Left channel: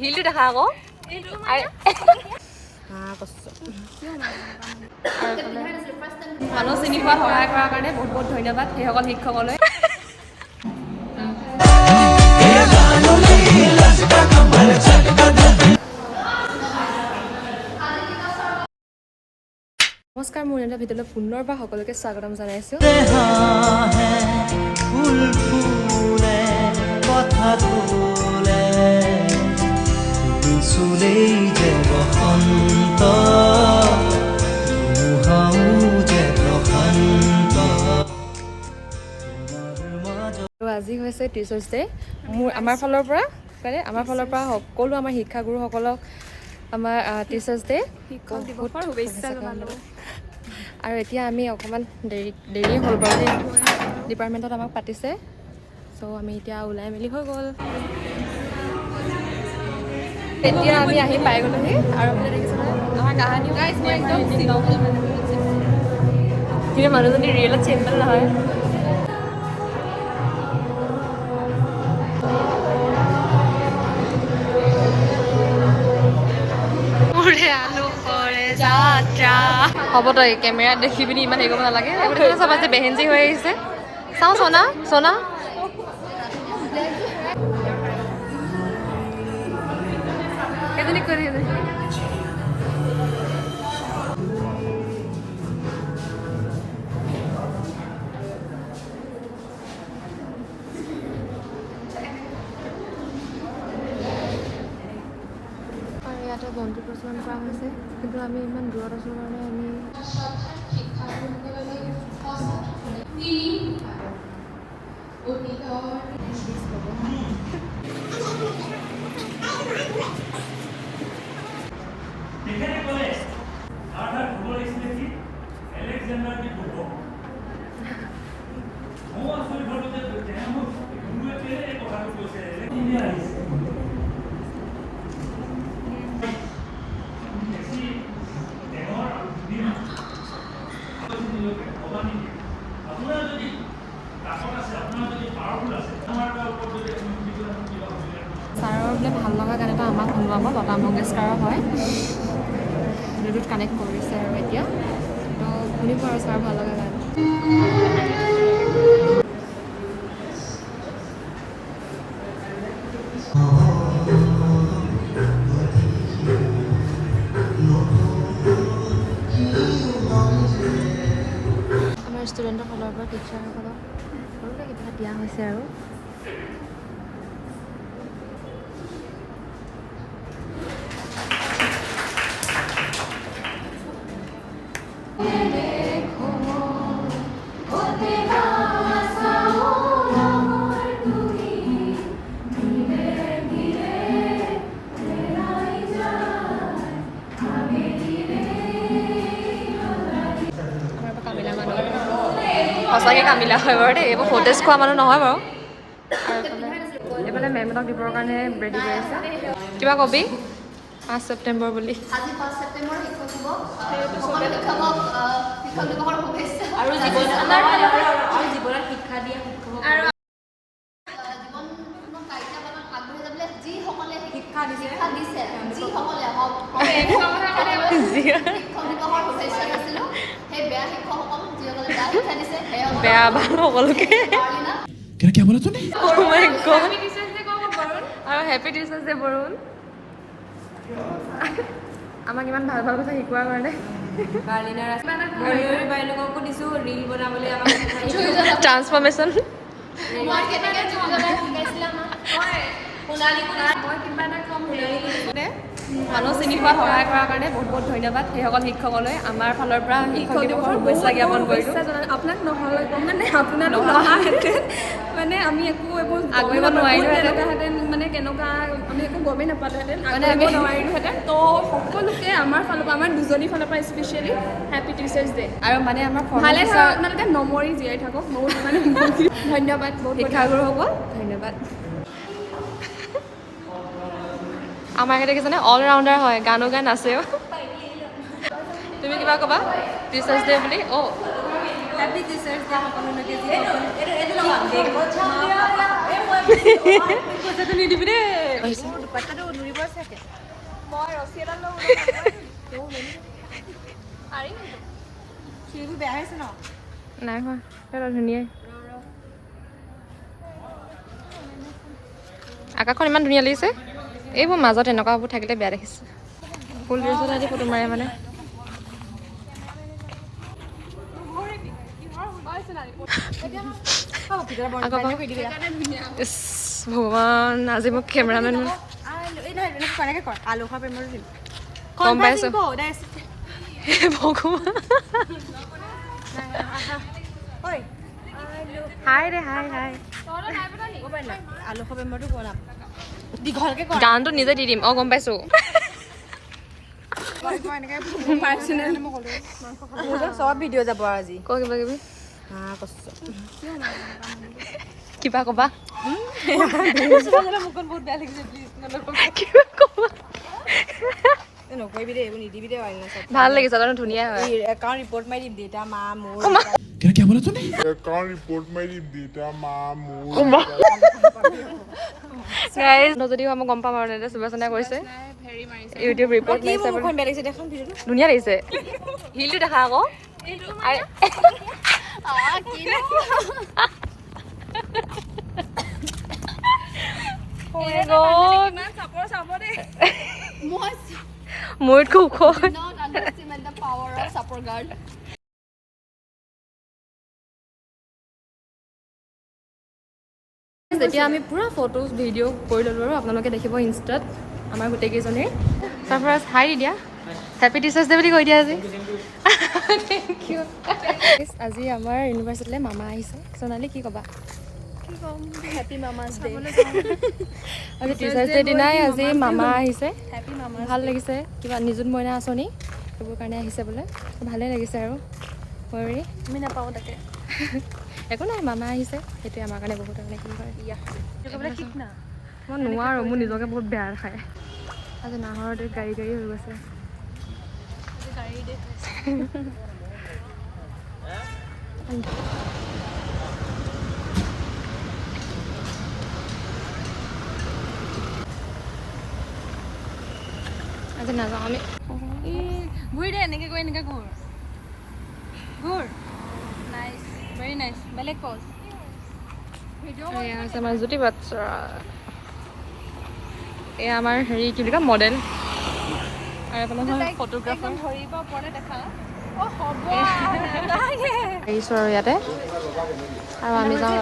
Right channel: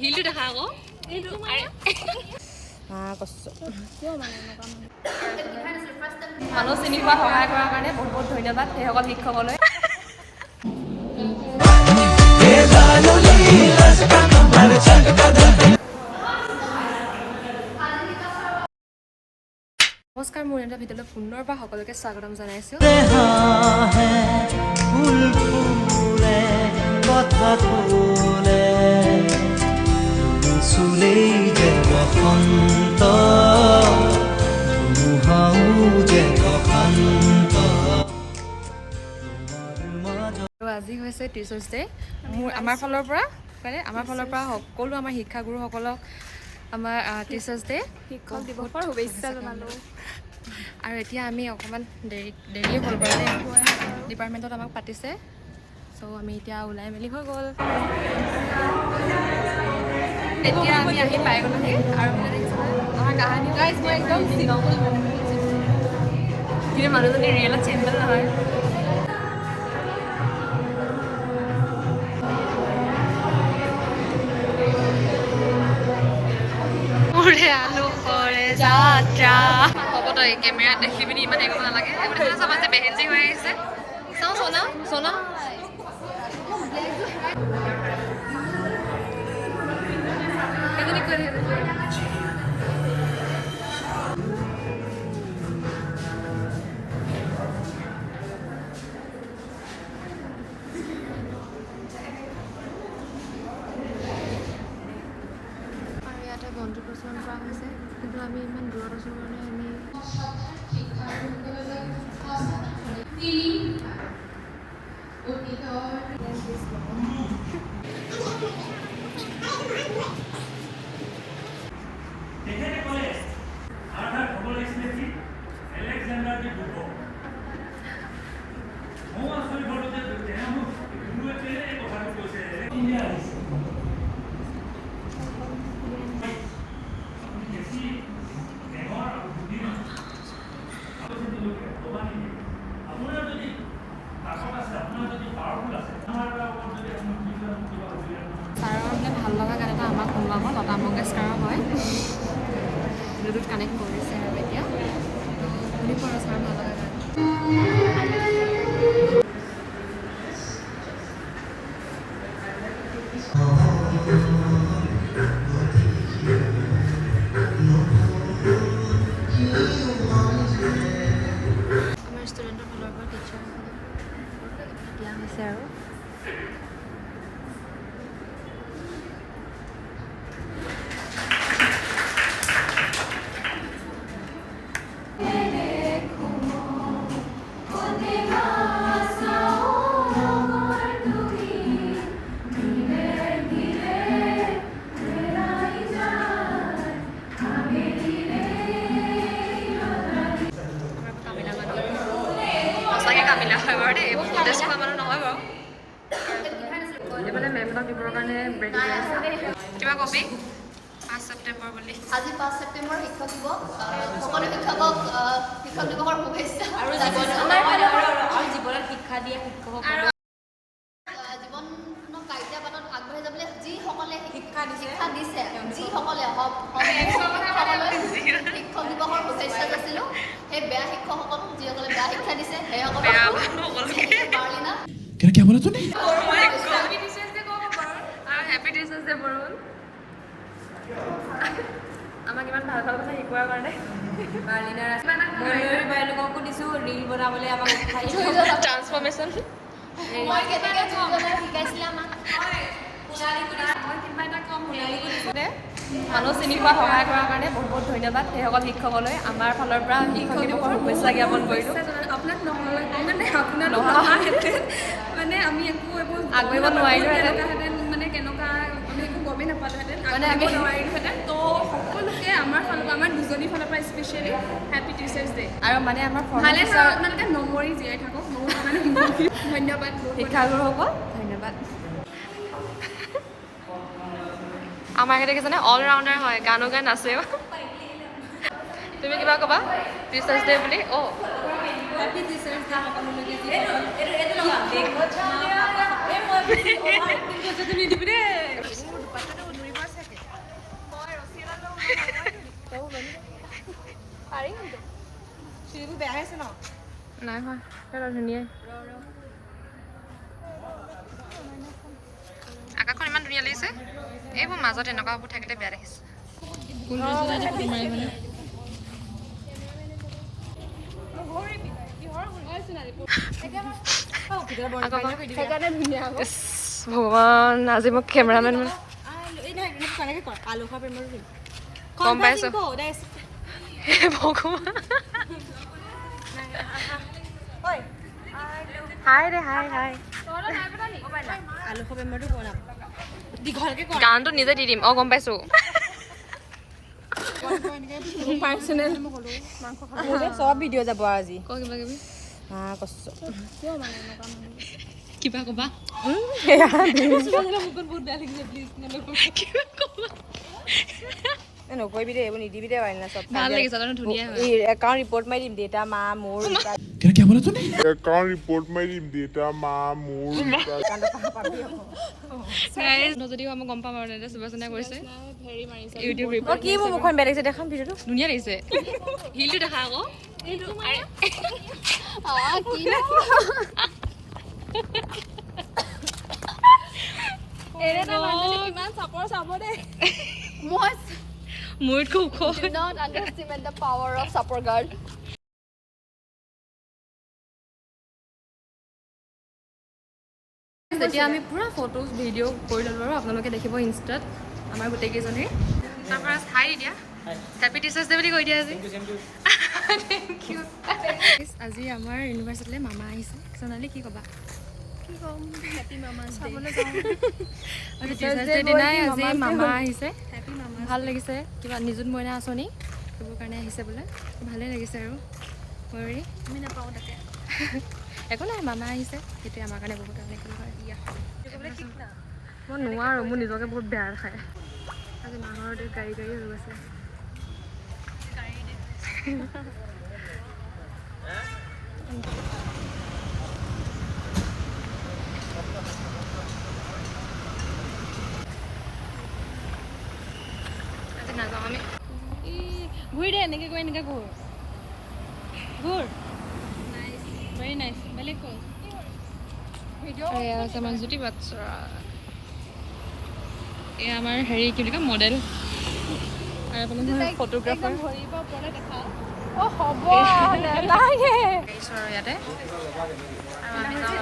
হিলটো দেখা আকৌ মানুহ চিনি পোৱাত সহায় কৰাৰ কাৰণে বহুত বহুত ধন্যবাদ সেইসকল শিক্ষকলৈ নমস্কাৰ মোৰ এটা ভিডিঅ'লৈ পুনৰবাৰ সকলোকে স্বাগতম জনাইছোঁ আজি হৈছে টিচাৰ্ছ ডে আমাৰ ফালৰ পৰা সকলো আমাৰ শিক্ষাগুৰুসকলক আমাৰ টিচাৰ্ছ ডে শিক্ষক দিৱসৰ শুভেচ্ছা জনালোঁ আৰু এতিয়া আমি অকণমান দেৰি হ'ল বাৰু ডিপাৰ্টমেণ্টত আমাক পাতিছে চ' আমি এতিয়া ওলাই মেলি হৈ গ'ল এতিয়া আমি আহি পাই গ'লোহি আৰু মানে দেখিছেনে আমাৰ কাহানিও কিন্তু মানুহজনী ৰিয়েলত চিম্পল নহয় আলু কৰে যাত্ৰা হ'ব তই কেমেৰাত দেখি পিনি ইমান হেৰি কৰিব নালাগে এইবোৰ চাবা যে বেহেঞ্জি হৈ আহিছে চাওঁ চনা ইয়াতে বন্তি প্ৰচলন কৰা হৈছে কিন্তু আমি ইমান দূৰত আছোঁ কাৰণে আমি ছাৰৰ বোলে ভাল লগা গান এটা আমাক শুনোৱাব লতা মংগেশকাৰৰ হয় ব্লুটুথ কানেক্ট কৰিছে আৰু এতিয়া তো শুনিব আৰু ছাৰৰ ভাল লগা গান আমাৰ ষ্টুডেণ্টৰ ফালৰ পৰা টিচাৰসকলক কিবা দিয়া হৈছে আৰু সঁচাকৈ কামিলা হয় বাৰু দেই এইবোৰ ফটেজ খোৱা মানুহ নহয় বাৰু এইফালে মেমহঁতক দিবৰ কাৰণে ৰেডি কৰি আছে কিবা কবি 5 ছেপ্টেম্বৰ বুলি আজি 5 ছেপ্টেম্বৰ শিক্ষক দিৱস সকলো শিক্ষকক শিক্ষক দিৱসৰ শুভেচ্ছা আৰু জীৱনত শিক্ষা দিয়া শিক্ষকক জীৱনক কাৰ্যবানত আগবাঢ়ি যাবলৈ যিসকলে শিক্ষা দিছে যিসকলে শিক্ষক দিৱসৰ শুভেচ্ছা দিছিলোঁ সেই বেয়া শিক্ষকসকলক যিসকলে বেয়া শিক্ষা দিছে সেইসকলক বেয়া ভাল সকলোকে क्या बोला तूने আৰু হেপী টিচাৰ্ছ ডে বৰুণ আমাক ইমান ভাল ভাল কথা শিকোৱাৰ কাৰণে বাইদেউকো দিছোঁ ৰীল বনাবলৈ আমাক ট্ৰান্সফৰ্মেশ্যন মই কিবা এটা শিকাইছিলে আমাক মানুহ চিনি পোৱাত সহায় কৰাৰ কাৰণে বহুত বহুত ধন্যবাদ সেইসকল শিক্ষকলৈ আমাৰ ফালৰ পৰা শিক্ষক দিৱসৰ শুভেচ্ছা জ্ঞাপন কৰিলোঁ আপোনাক নহ'লে মানে আপোনাৰ মানে আমি একো এইবোৰ আগবাঢ়িব নোৱাৰিলোহেঁতেন মানে কেনেকুৱা আমি একো গমেই নাপালোহেঁতেন মানে আমি নোৱাৰিলোহেঁতেন তো সকলোকে আমাৰ ফালৰ পৰা আমাৰ দুজনী ফালৰ পৰা স্পেচিয়েলি হেপী টিচাৰ্ছ ডে আৰু মানে আমাৰ ভালে আপোনালোকে নমৰি জীয়াই থাকক বহুত মানে ধন্যবাদ বহুত শিক্ষাগুৰুসকল ধন্যবাদ আমাৰ এখেতে দেখিছেনে অল ৰাউণ্ডাৰ হয় গানো গাই নাচেও তুমি কিবা ক'বা টিচাৰ্ছ ডে বুলি অঁ হেপী টিচাৰ্ছ ডে সকলোলৈকে যিসকল মই ৰছী এডাল লৈ পাৰিম চুলিবোৰ বেয়া হৈছে ন নাই হোৱা তই ধুনীয়াই আকাশখন ইমান ধুনীয়া লাগিছে এইবোৰ মাজত এনেকুৱাবোৰ থাকিলে বেয়া দেখিছে ফুল ড্ৰেছত আজি ফটো মাৰে মানে ইছ, ভগৱান আজি মোক কেমেৰামেন আলু খোৱা প্ৰেমৰ গম পাইছো ভগৱান হাই দে হাই হাই আলু খোৱা প্ৰেমৰটো বনাম দীঘলকে গানটো নিজে দি দিম গম পাইছো চব ভিডিঅ' যাব আজি ক কিবা কিবি কিবা কিবা কবা নকৰিবি দে এইবোৰ নিদিবি দে ভাল লাগিছে তাৰমানে ধুনীয়া হয় একাউণ্ট ৰিপৰ্ট মাৰি দিম দেউতা মা মোৰ क्या क्या बोला तूने अकाउंट रिपोर्ट में देता माँ मूड গাইজ যদি হয় মই গম পাম আৰু সুবাসনা কৰিছে ইউটিউব ৰিপৰ্ট মাৰিছে মুখখন বেয়া লাগিছে দেখাম ভিডিঅ'টো ধুনীয়া লাগিছে হিলটো দেখা আকৌ ইমান চাপৰ চাব দেই মোৰতকৈ ওখ Not underestimate the power of support guard. যেতিয়া আমি পুৰা ফটোজ ভিডিঅ' কৰি ল'লোঁ আৰু আপোনালোকে দেখিব ইনষ্টাত আমাৰ গোটেইকেইজনী তাৰপৰা হাই দিয়া হেপী টিচাৰ্ছ ডে বুলি কৈ দিয়া আজি থেংক ইউ আজি আমাৰ ইউনিভাৰ্চিটিলৈ মামা আহিছে সোণালী কি ক'বা কি ক'ম হেপী মামা চাবলৈ আজি টিচাৰ্ছ ডে দিনাই আজি মামা আহিছে হেপী মামা ভাল লাগিছে কিবা নিযুত মইনা আঁচনি সেইবোৰ কাৰণে আহিছে বোলে ভালেই লাগিছে আৰু কৰি আমি নাপাওঁ তাকে একো নাই মামা আহিছে সেইটোৱে আমাৰ কাৰণে বহুত মানে কি হয় মই নোৱাৰোঁ মোৰ নিজকে বহুত বেয়া খায় আজি নাহৰতে গাড়ী গাড়ী হৈ গৈছে আজি নাযাওঁ আমি ঘূৰি দে এনেকৈ গৈ এনেকৈ ঘূৰ ঘূৰ নাইচ ভেৰি নাইচ বেলেগ পজ এয়া আছে আমাৰ জ্যোতি বাচ্চা এয়া আমাৰ হেৰি কি বুলি কয় মডেল ফটোগ্ৰাফাৰ ভৰিৰ পৰা ওপৰলৈ দেখা আহিছোঁ আৰু ইয়াতে আৰু আমি যাওঁ